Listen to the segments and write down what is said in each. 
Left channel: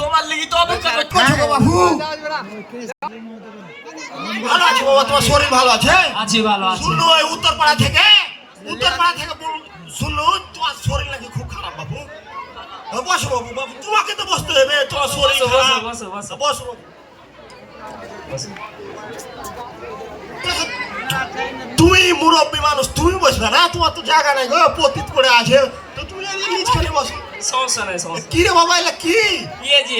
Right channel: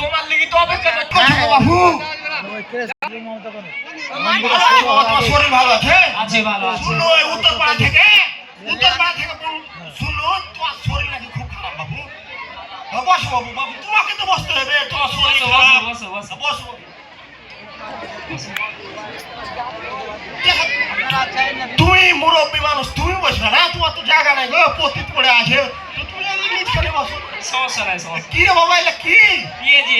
তোমার লেগে তো অপেক্ষা করতে বাবু। শরীর ভালো আছে? ভালো আছে। শুনো উত্তরপাড়া থেকে শুনো, তোমার শরীর নাকি খুব খারাপ বাবু। বসো বাবু, বাবু তোমাকে তো বসতে হবে, তোমার শরীর খারাপ। বসো তুমি মুরব্বী মানুষ, তুমি বসবে না, তোমার তো জায়গা নাই গো, পতিত পড়ে আছে, তো তুমি নিচ করে বসো। সমস্যা নাই, সমস্যা। কি রে বাবা, এটা কি পেঁয়াজি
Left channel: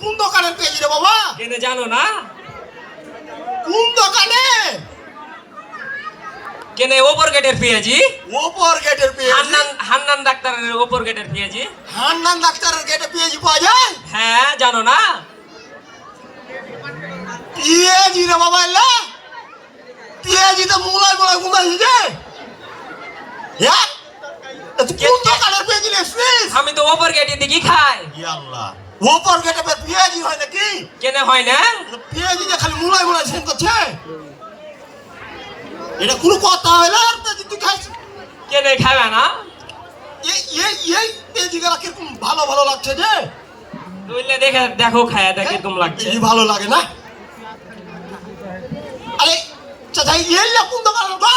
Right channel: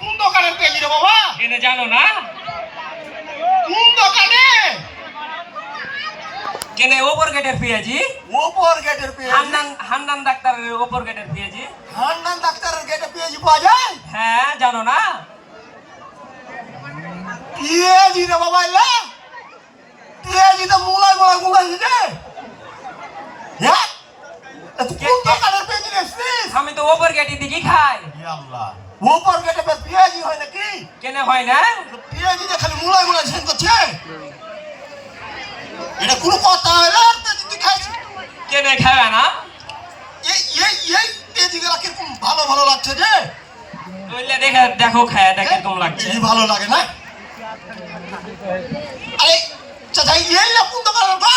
কোন দোকানের পেঁয়াজি রে বাবা? কেনে জানো না? কোন দোকানে? কেনে ওপর গেটের পেঁয়াজি। ওপর গেটের পেঁয়াজি? হান্নান ডাক্তারের ওপর গেটের পেঁয়াজি। হান্নান ডাক্তারের গেটে পেঁয়াজি পাওয়া যায়? হ্যাঁ, জানো না? পেঁয়াজি রে বাবা, এলা পেঁয়াজি তো মুলাই বড় গুনাই যে। হ্যাঁ, কোন দোকানের পেঁয়াজি লেছিস? আমি তো ওপর গেটে দিকে খাই। ইয়া আল্লাহ, ওপর গেটে পেঁয়াজি হয় নাকি? কেনে হয় না? পেঁয়াজি যে খালি মুলাই মুলাই সেন করছে, এটা কোনো কথা হলো? আর পেঁয়াজি তুই খাইছিস? কেনে খাবে না? এই পেঁয়াজি গুলা কিরকম ভালো ভালো লাগছে যে। বললে দেখো খায়া দেখ কিরকম লাগছে। এই ভালো লাগে না? আরে চাচা, এলা কোন দোকানের গো?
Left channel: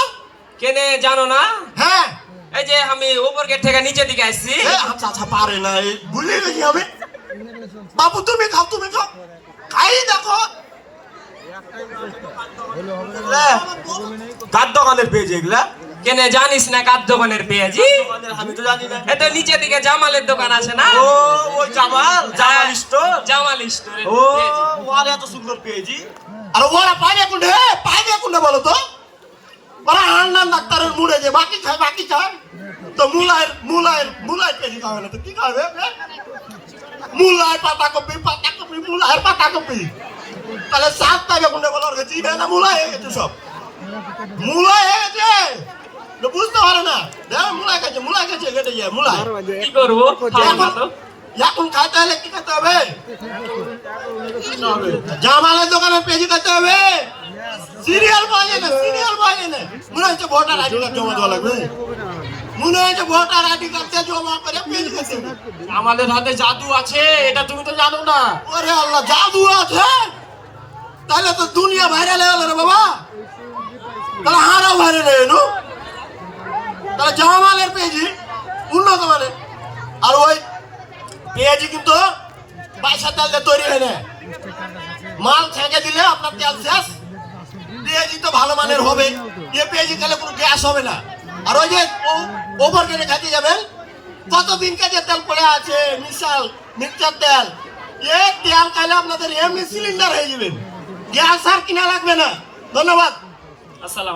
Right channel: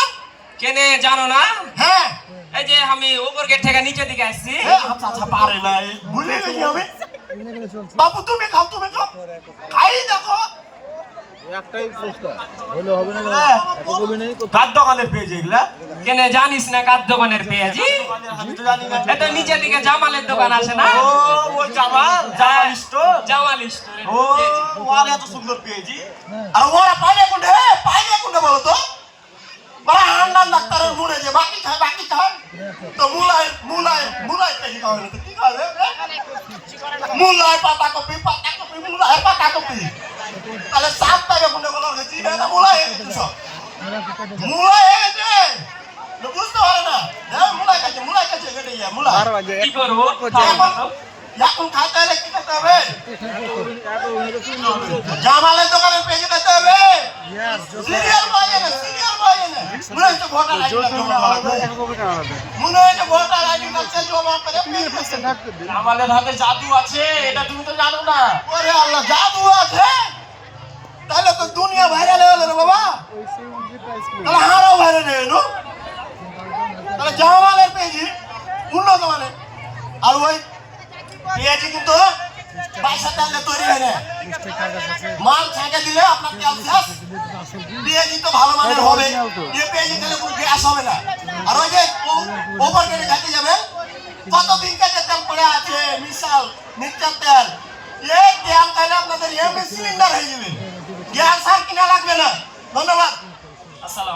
কেনে জানো না? হ্যাঁ, এই যে আমি ওপর গেট থেকে নিচে দিকে আসছি। চাচা পারে না, ভুলে গেছি আমি। বাবু তুমি খাও, তুমি খাও, খাই দেখো। কার দোকানের পেয়েছে এগুলা? কেনে জানিস না কার দোকানের পেঁয়াজি? আমি তো জানি না। এটা নিচে দিকে জামালের দোকান আছে না? ও ওই জামাল স্টোর। জামাল স্টোর। ও ওর এত সুন্দর পেয়েছি। আর ওরা পাইনে কোনটা বলো তো? ওরা হান্নান ডাক্তারের মুড়ে যে বাকি খায় তো মুলাই পেঁয়াজি খাওয়া হলো তো কি খাবে? মুলাই পাতাকপি মুলাই পাতাকপি, তাহলে সাত টাকা কোনটা বলো? চিনে না, মুলাই হয়ে গেছে, সব মুলাই হয়ে গেছে, বুঝতে পারে না। মুলাই খাচ্ছে কেটে যায় মুলাই। কি করবো? এখন খাইতে হলে কি করতে হবে? জামালের দোকানে পেঁয়াজি খেতে হবে। সিরিয়াল পাওয়া যায় না, মনে হচ্ছে ভোটার আইডি কার্ড জমা দেওয়া লাগবে। জমা করে পেঁয়াজি খেতে হবে। আমাদের হাতে জাদু আছে, এটা তুমি তো জানো না। ওরে আল্লাহ, জাদু আছে? তাহলে তো দুনিয়া ভাইরাল হয়ে গেল না বাবা, তাহলে হারাও ভাইরাল হয়ে গেল। তাহলে জামালের পেঁয়াজি উন্নত মানের। আর ওই পেঁয়াজি কিন্তু বাইশা তেল দিয়ে তৈরি হয় না, মাল ছেঁকে দিলে আপনার তেল শেষ। পেঁয়াজি তো ভালো মানের হবে, পেঁয়াজি খেলে কোনো গ্যাস হবে না। আর ওই যে ওভার গেলে খাতে যাবেন, কতদিন কাছে তেল পড়ে আছে, মিক্সচার তেল, এই তেল খাইলে আপনাদের এমএ সিলিন্ডার হয়ে যাবেন, গ্যাস আর কিনা লাগবে না। ধন্যবাদ। আসসালাম।